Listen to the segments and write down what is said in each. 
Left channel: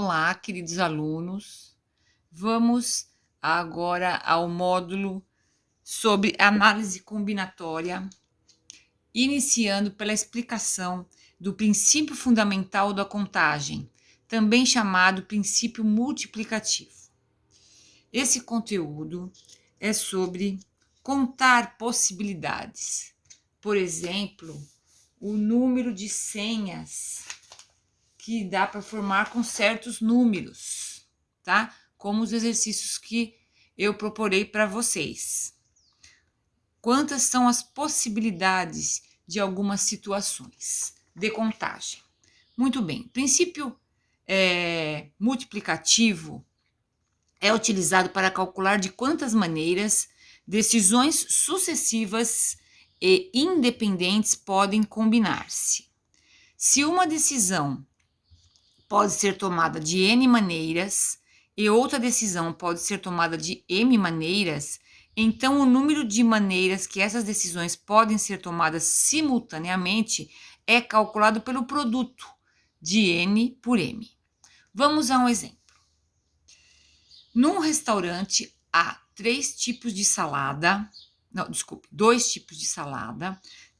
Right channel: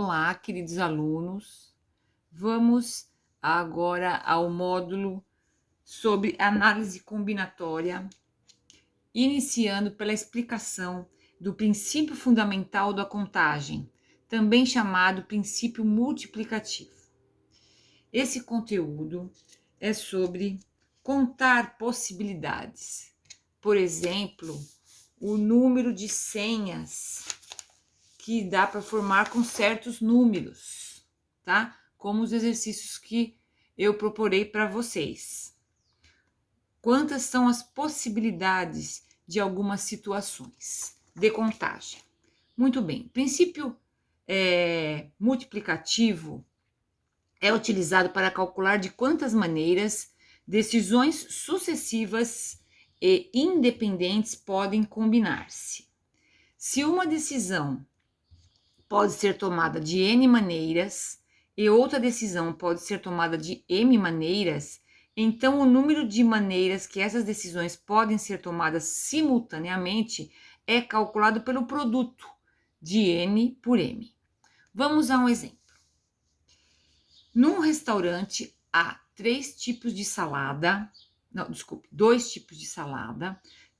Olá, queridos alunos. Vamos agora ao módulo sobre análise combinatória, iniciando pela explicação do princípio fundamental da contagem, também chamado princípio multiplicativo. Esse conteúdo é sobre contar possibilidades. Por exemplo, o número de senhas que dá para formar com certos números, tá? Como os exercícios que eu proporei para vocês. Quantas são as possibilidades de algumas situações de contagem? Muito bem, o princípio multiplicativo é utilizado para calcular de quantas maneiras decisões sucessivas e independentes podem combinar-se. Se uma decisão pode ser tomada de N maneiras e outra decisão pode ser tomada de M maneiras, então o número de maneiras que essas decisões podem ser tomadas simultaneamente é calculado pelo produto de N por M. Vamos a um exemplo. Num restaurante há dois tipos de salada,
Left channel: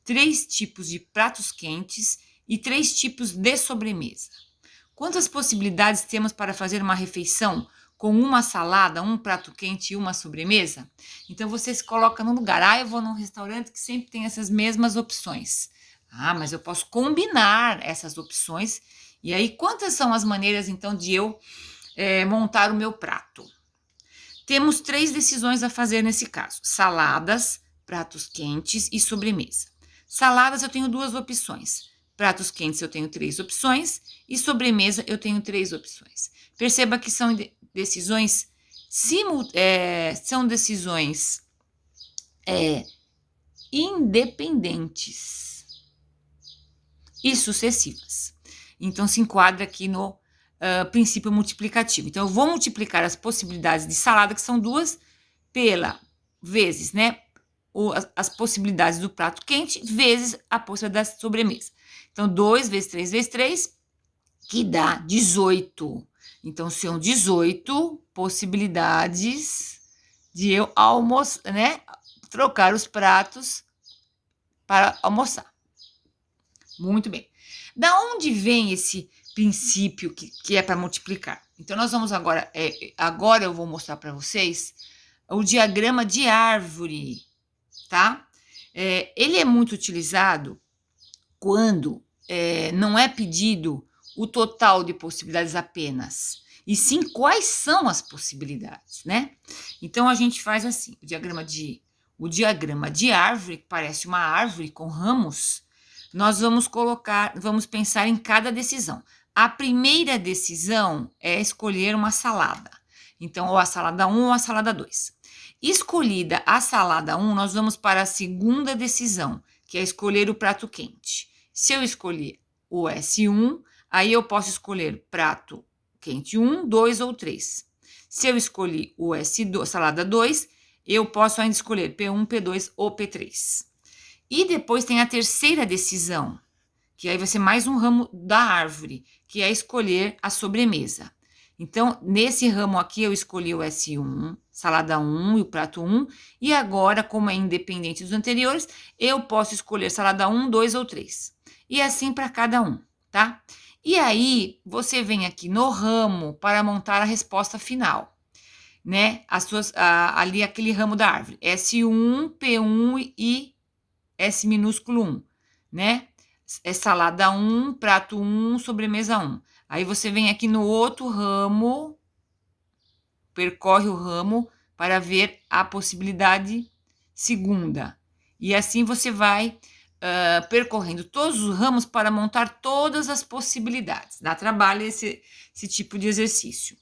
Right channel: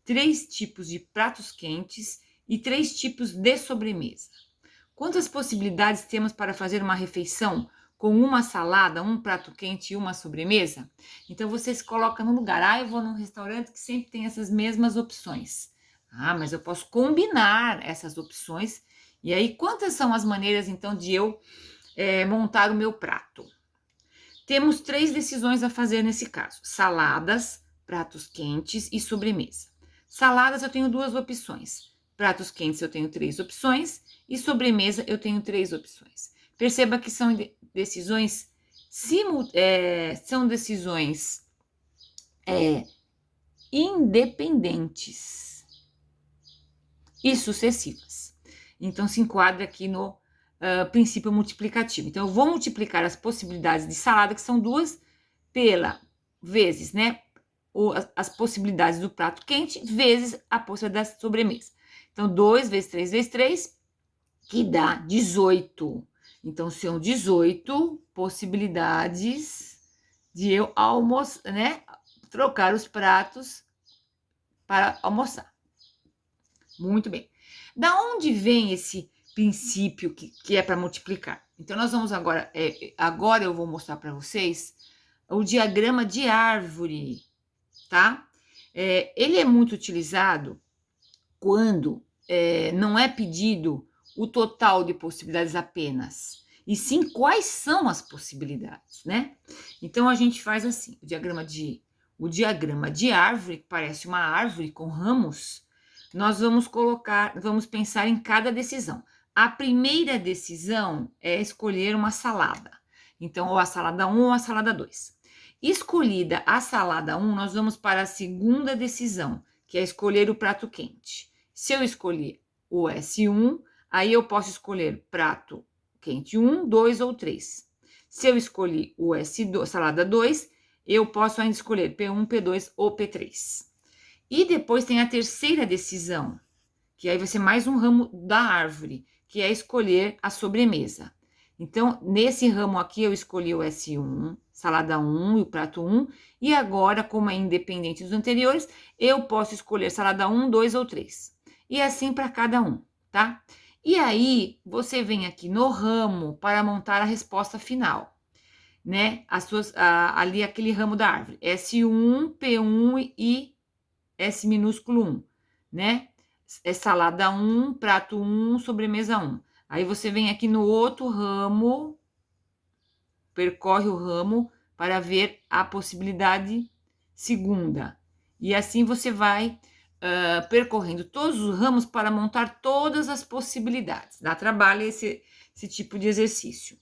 3 tipos de pratos quentes e 3 tipos de sobremesa. Quantas possibilidades temos para fazer uma refeição com uma salada, um prato quente e uma sobremesa? Então, você se coloca no lugar. Eu vou num restaurante que sempre tem essas mesmas opções. Mas eu posso combinar essas opções. E aí, quantas são as maneiras, então, de eu montar o meu prato? Temos 3 decisões a fazer nesse caso. Saladas, pratos quentes e sobremesa. Saladas, eu tenho 2 opções. Pratos quentes eu tenho 3 opções e sobremesa eu tenho 3 opções. Perceba que são decisões independentes e sucessivas. Então, se enquadra aqui no princípio multiplicativo. Então, eu vou multiplicar as possibilidades de salada, que são 2, vezes, né? As possibilidades do prato quente, vezes a possibilidade da sobremesa. Então, 2 vezes 3 vezes 3, que dá 18. Então, são 18 possibilidades de eu almoçar, né? Trocar os pratos para almoçar. Muito bem. Da onde vem esse princípio que é para multiplicar? Então, nós vamos agora eu vou mostrar para vocês o diagrama de árvore, tá? Ele é muito utilizado quando não é pedido o total de possibilidades apenas, e sim quais são as possibilidades, né? Então, a gente faz assim, o diagrama de árvore, que parece uma árvore com ramos, nós vamos pensar em cada decisão. A primeira decisão é escolher uma salada. Então, ou a salada 1 ou a salada 2. Escolhida a salada 1, nós vamos para a segunda decisão, que é escolher o prato quente. Se eu escolher o S1, aí eu posso escolher prato quente 1, 2 ou 3. Se eu escolhi o S2, salada 2, eu posso ainda escolher P1, P2 ou P3. E depois tem a terceira decisão, que aí vai ser mais um ramo da árvore, que é escolher a sobremesa. Então, nesse ramo aqui, eu escolhi o S1, salada 1 e o prato 1, e agora, como é independente dos anteriores, eu posso escolher salada 1, 2 ou 3. E assim para cada um, tá? E aí, você vem aqui no ramo para montar a resposta final, né? Ali, aquele ramo da árvore, S1, P1 e S minúsculo 1, né? É salada 1, prato 1, sobremesa 1. Aí você vem aqui no outro ramo, percorre o ramo para ver a possibilidade segunda. E assim você vai percorrendo todos os ramos para montar todas as possibilidades. Dá trabalho esse tipo de exercício.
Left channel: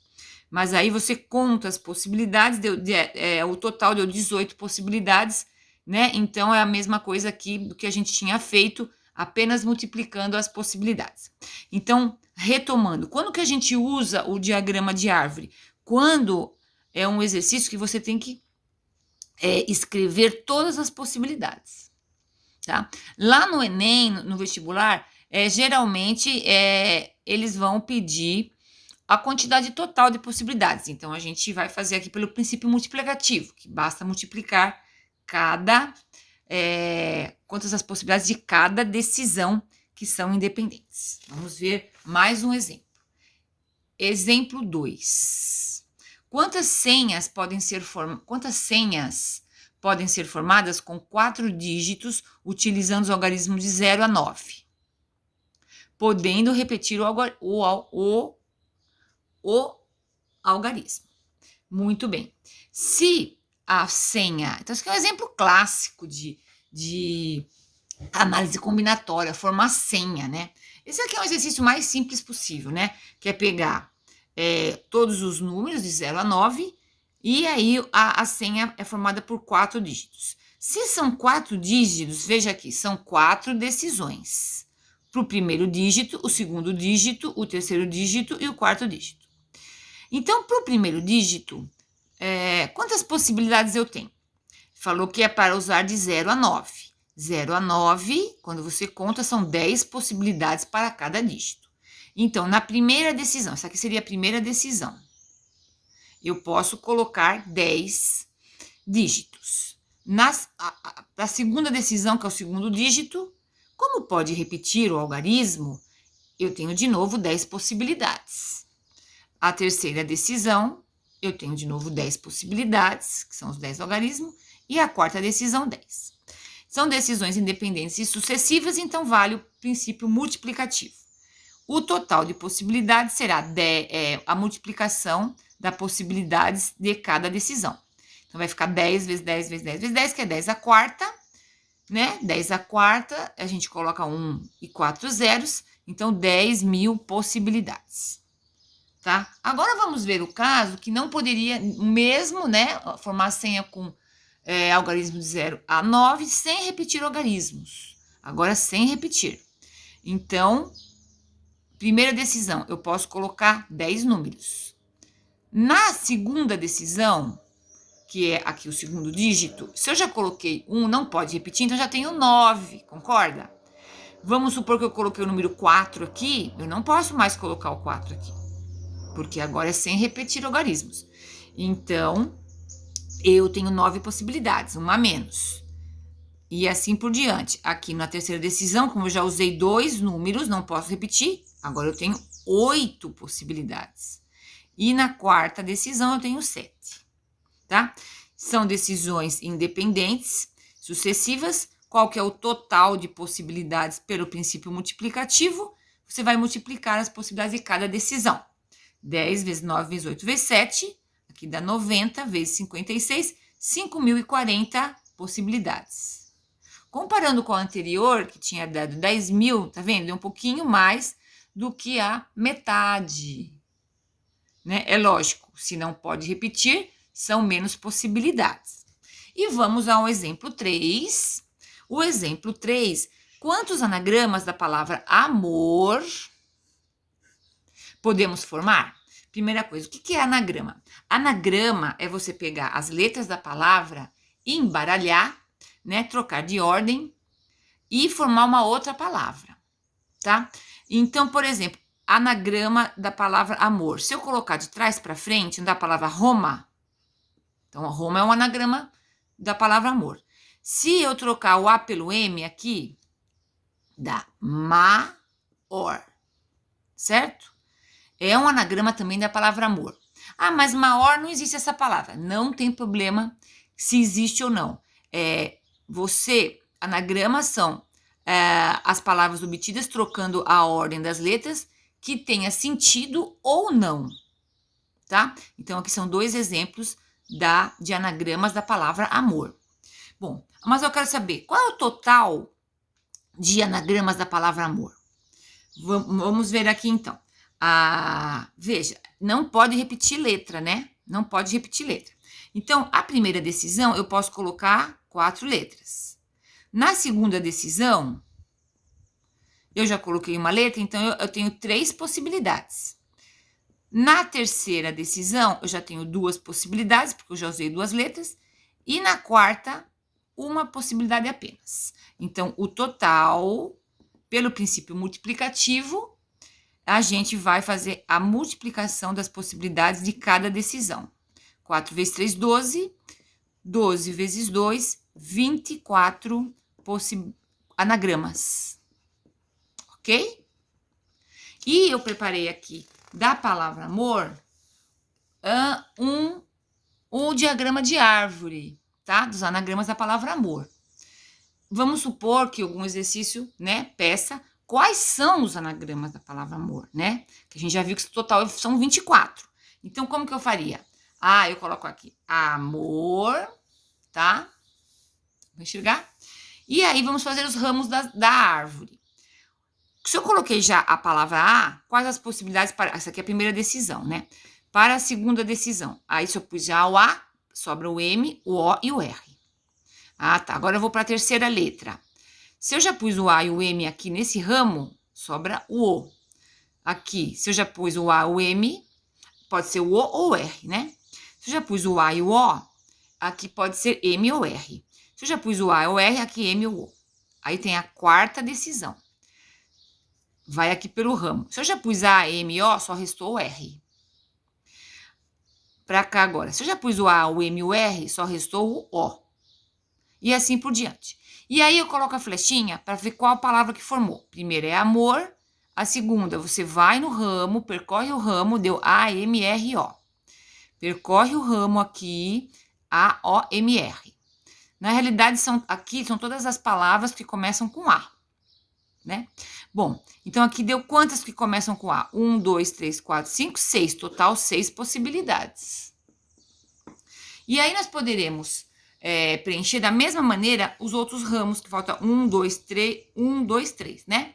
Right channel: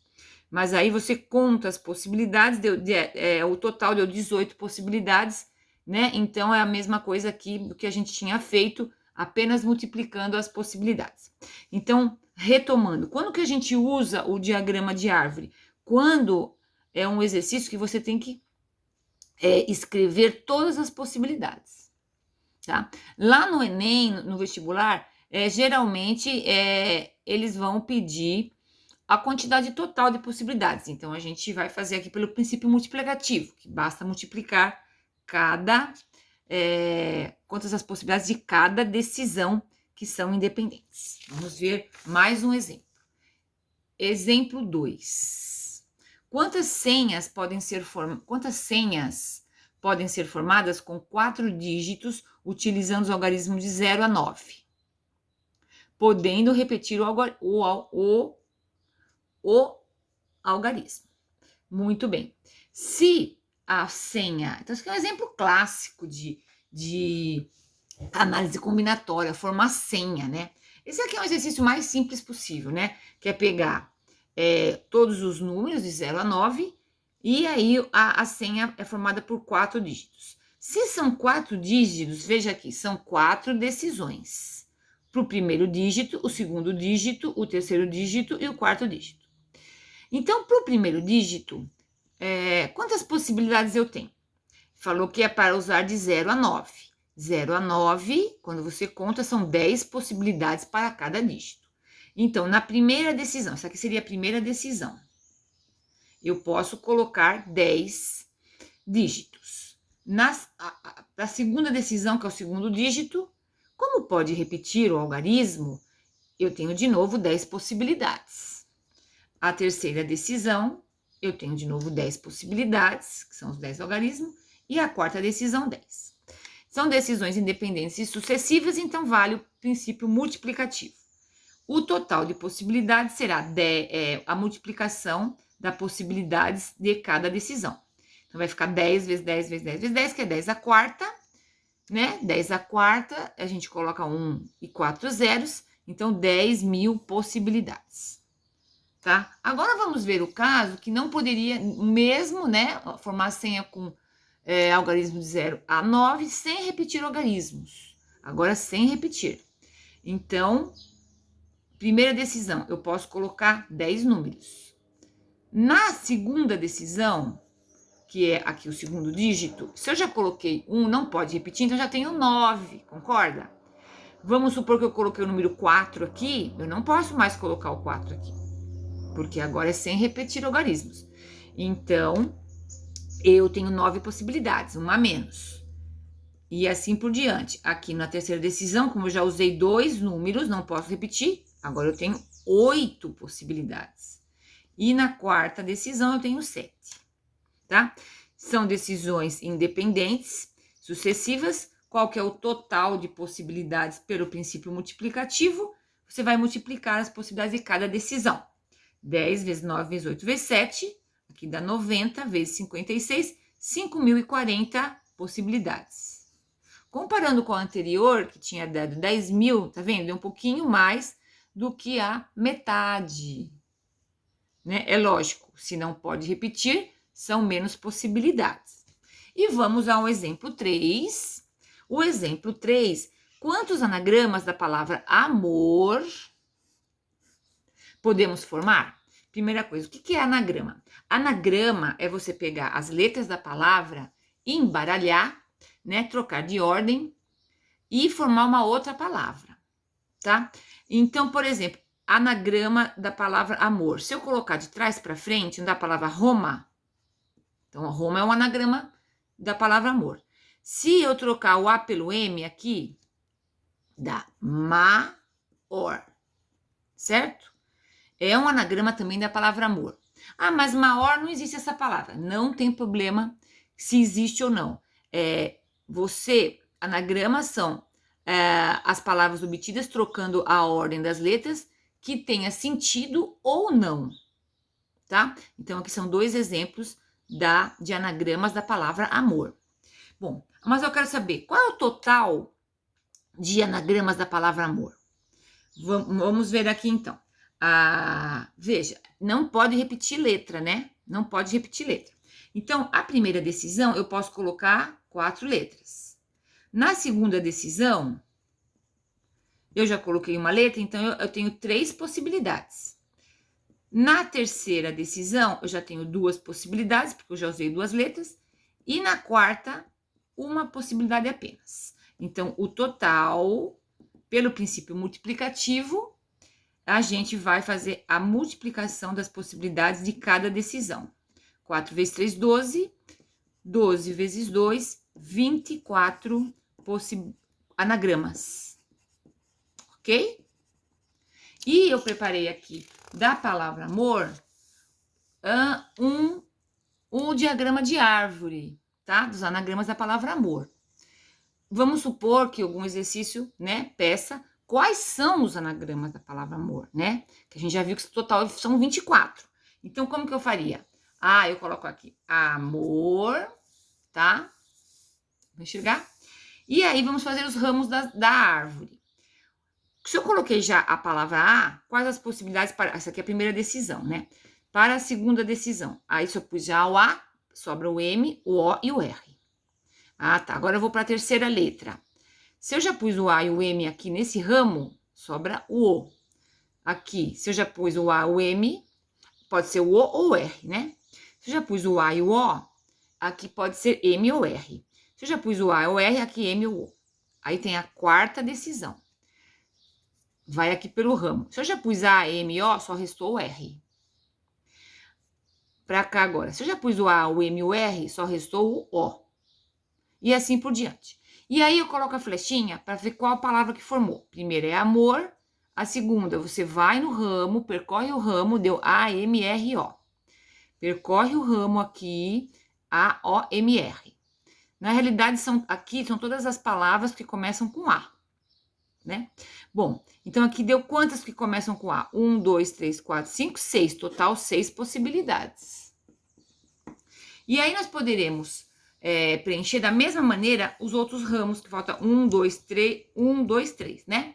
Mas aí você conta as possibilidades, o total deu 18 possibilidades, né? Então, é a mesma coisa aqui do que a gente tinha feito, apenas multiplicando as possibilidades. Então, retomando, quando que a gente usa o diagrama de árvore? Quando é um exercício que você tem que escrever todas as possibilidades, tá? Lá no Enem, no vestibular, geralmente eles vão pedir a quantidade total de possibilidades. Então, a gente vai fazer aqui pelo princípio multiplicativo, que basta multiplicar quantas as possibilidades de cada decisão que são independentes. Vamos ver mais um exemplo. Exemplo 2. Quantas senhas podem ser formadas com 4 dígitos utilizando os algarismos de 0 a 9? Podendo repetir o algarismo. Muito bem. Se a senha... Então, isso aqui é um exemplo clássico de análise combinatória, formar senha, né? Esse aqui é um exercício mais simples possível, né? Que é pegar todos os números de 0 a 9 e aí a senha é formada por 4 dígitos. Se são 4 dígitos, veja aqui, são 4 decisões. Para o primeiro dígito, o segundo dígito, o terceiro dígito e o quarto dígito. Então, para o primeiro dígito, quantas possibilidades eu tenho? Falou que é para usar de 0 a 9. 0 a 9, quando você conta, são 10 possibilidades para cada dígito. Então, na primeira decisão, essa aqui seria a primeira decisão, eu posso colocar 10 dígitos. Para a segunda decisão, que é o segundo dígito, como pode repetir o algarismo, eu tenho de novo 10 possibilidades. A terceira decisão, eu tenho de novo 10 possibilidades, que são os 10 algarismos, e a quarta decisão, 10. São decisões independentes e sucessivas, então vale o princípio multiplicativo. O total de possibilidades será a multiplicação das possibilidades de cada decisão. Então, vai ficar 10 vezes 10 vezes 10 vezes 10, que é 10 à quarta, né? 10 à quarta, a gente coloca 1 e 4 zeros, então 10.000 possibilidades. Tá? Agora, vamos ver o caso que não poderia mesmo, né, formar senha com algarismo de 0 a 9 sem repetir algarismos. Agora, sem repetir. Então, primeira decisão, eu posso colocar 10 números. Na segunda decisão, que é aqui o segundo dígito, se eu já coloquei 1, não pode repetir, então já tenho 9, concorda? Vamos supor que eu coloquei o número 4 aqui, eu não posso mais colocar o 4 aqui, porque agora é sem repetir algarismos. Então, eu tenho 9 possibilidades, uma a menos. E assim por diante. Aqui na terceira decisão, como eu já usei 2 números, não posso repetir, agora eu tenho 8 possibilidades. E na quarta decisão eu tenho 7, tá? São decisões independentes, sucessivas. Qual que é o total de possibilidades pelo princípio multiplicativo? Você vai multiplicar as possibilidades de cada decisão. 10 vezes 9 vezes 8 vezes 7, aqui dá 90 vezes 56, 5.040 possibilidades. Comparando com a anterior, que tinha dado 10.000, tá vendo? É um pouquinho mais do que a metade, né? É lógico, se não pode repetir, são menos possibilidades. E vamos ao exemplo 3. O exemplo 3, quantos anagramas da palavra amor podemos formar? Primeira coisa, o que é anagrama? Anagrama é você pegar as letras da palavra, embaralhar, né, trocar de ordem e formar uma outra palavra, tá? Então, por exemplo, anagrama da palavra amor. Se eu colocar de trás para frente, da palavra Roma, então Roma é um anagrama da palavra amor. Se eu trocar o A pelo M aqui, dá Maor, certo? É um anagrama também da palavra amor. Ah, mas Maor não existe essa palavra. Não tem problema se existe ou não. Anagramas são as palavras obtidas trocando a ordem das letras que tenha sentido ou não, tá? Então, aqui são 2 exemplos de anagramas da palavra amor. Bom, mas eu quero saber, qual é o total de anagramas da palavra amor? Vamos ver aqui, então. Veja, não pode repetir letra, né? Não pode repetir letra. Então, a primeira decisão, eu posso colocar 4 letras. Na segunda decisão, eu já coloquei uma letra, então eu tenho 3 possibilidades. Na terceira decisão, eu já tenho 2 possibilidades, porque eu já usei 2 letras. E na quarta, uma possibilidade apenas. Então, o total, pelo princípio multiplicativo, a gente vai fazer a multiplicação das possibilidades de cada decisão. 4 vezes 3, 12. 12 vezes 2, 24 anagramas. Ok? E eu preparei aqui da palavra amor o diagrama de árvore, tá? Dos anagramas da palavra amor. Vamos supor que algum exercício, né, peça quais são os anagramas da palavra amor, né? Que a gente já viu que o total são 24. Então, como que eu faria? Eu coloco aqui amor, tá? Vou enxergar? E aí, vamos fazer os ramos da árvore. Se eu coloquei já a palavra A, quais as possibilidades para... Essa aqui é a primeira decisão, né? Para a segunda decisão. Aí, se eu pus já o A, sobra o M, o O e o R. Tá. Agora eu vou para a terceira letra. Se eu já pus o A e o M aqui nesse ramo, sobra o O. Aqui, se eu já pus o A e o M, pode ser o O ou o R, né? Se eu já pus o A e o O, aqui pode ser M ou R. Se eu já pus o A e o R, aqui M ou O. Aí tem a quarta decisão. Vai aqui pelo ramo. Se eu já pus A, M e O, só restou o R. Para cá agora. Se eu já pus o A, o M e o R, só restou o O. E assim por diante. E aí eu coloco a flechinha para ver qual palavra que formou. Primeiro é amor. A segunda, você vai no ramo, percorre o ramo, deu A, M, R, O. Percorre o ramo aqui, A, O, M, R. Na realidade, aqui são todas as palavras que começam com A, né? Bom, então aqui deu quantas que começam com A? 1, 2, 3, 4, 5, 6. Total, 6 possibilidades. E aí nós poderemos preencher da mesma maneira os outros ramos, que falta 1, 2, 3, 1, 2, 3, né?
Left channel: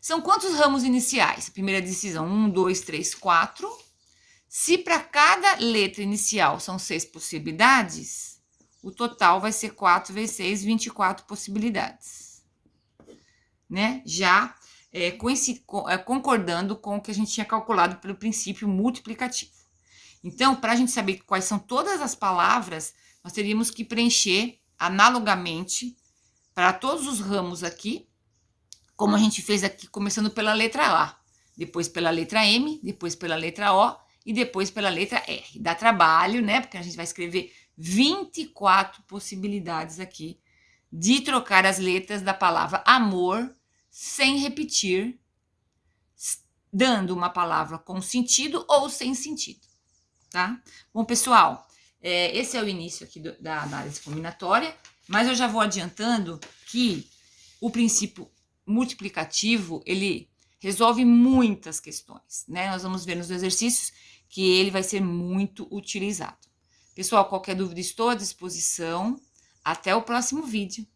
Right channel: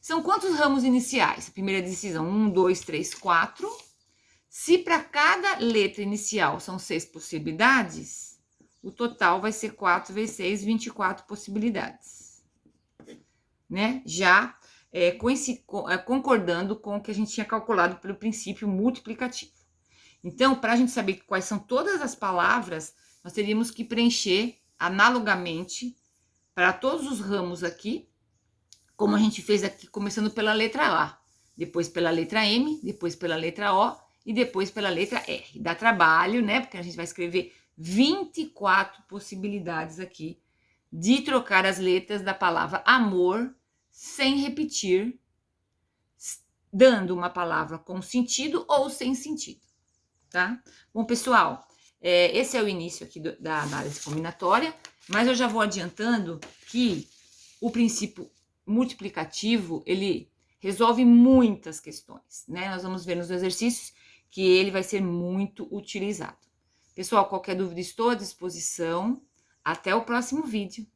São quantos ramos iniciais? Primeira decisão, 1, 2, 3, 4. Se para cada letra inicial são 6 possibilidades, o total vai ser 4 vezes 6, 24 possibilidades. Né? Já concordando com o que a gente tinha calculado pelo princípio multiplicativo. Então, para a gente saber quais são todas as palavras, nós teríamos que preencher analogamente para todos os ramos aqui, como a gente fez aqui, começando pela letra A, depois pela letra M, depois pela letra O e depois pela letra R. Dá trabalho, né? Porque a gente vai escrever 24 possibilidades aqui de trocar as letras da palavra amor sem repetir, dando uma palavra com sentido ou sem sentido, tá? Bom, pessoal, esse é o início aqui da análise combinatória, mas eu já vou adiantando que o princípio multiplicativo, ele resolve muitas questões, né? Nós vamos ver nos exercícios que ele vai ser muito utilizado. Pessoal, qualquer dúvida, estou à disposição. Até o próximo vídeo.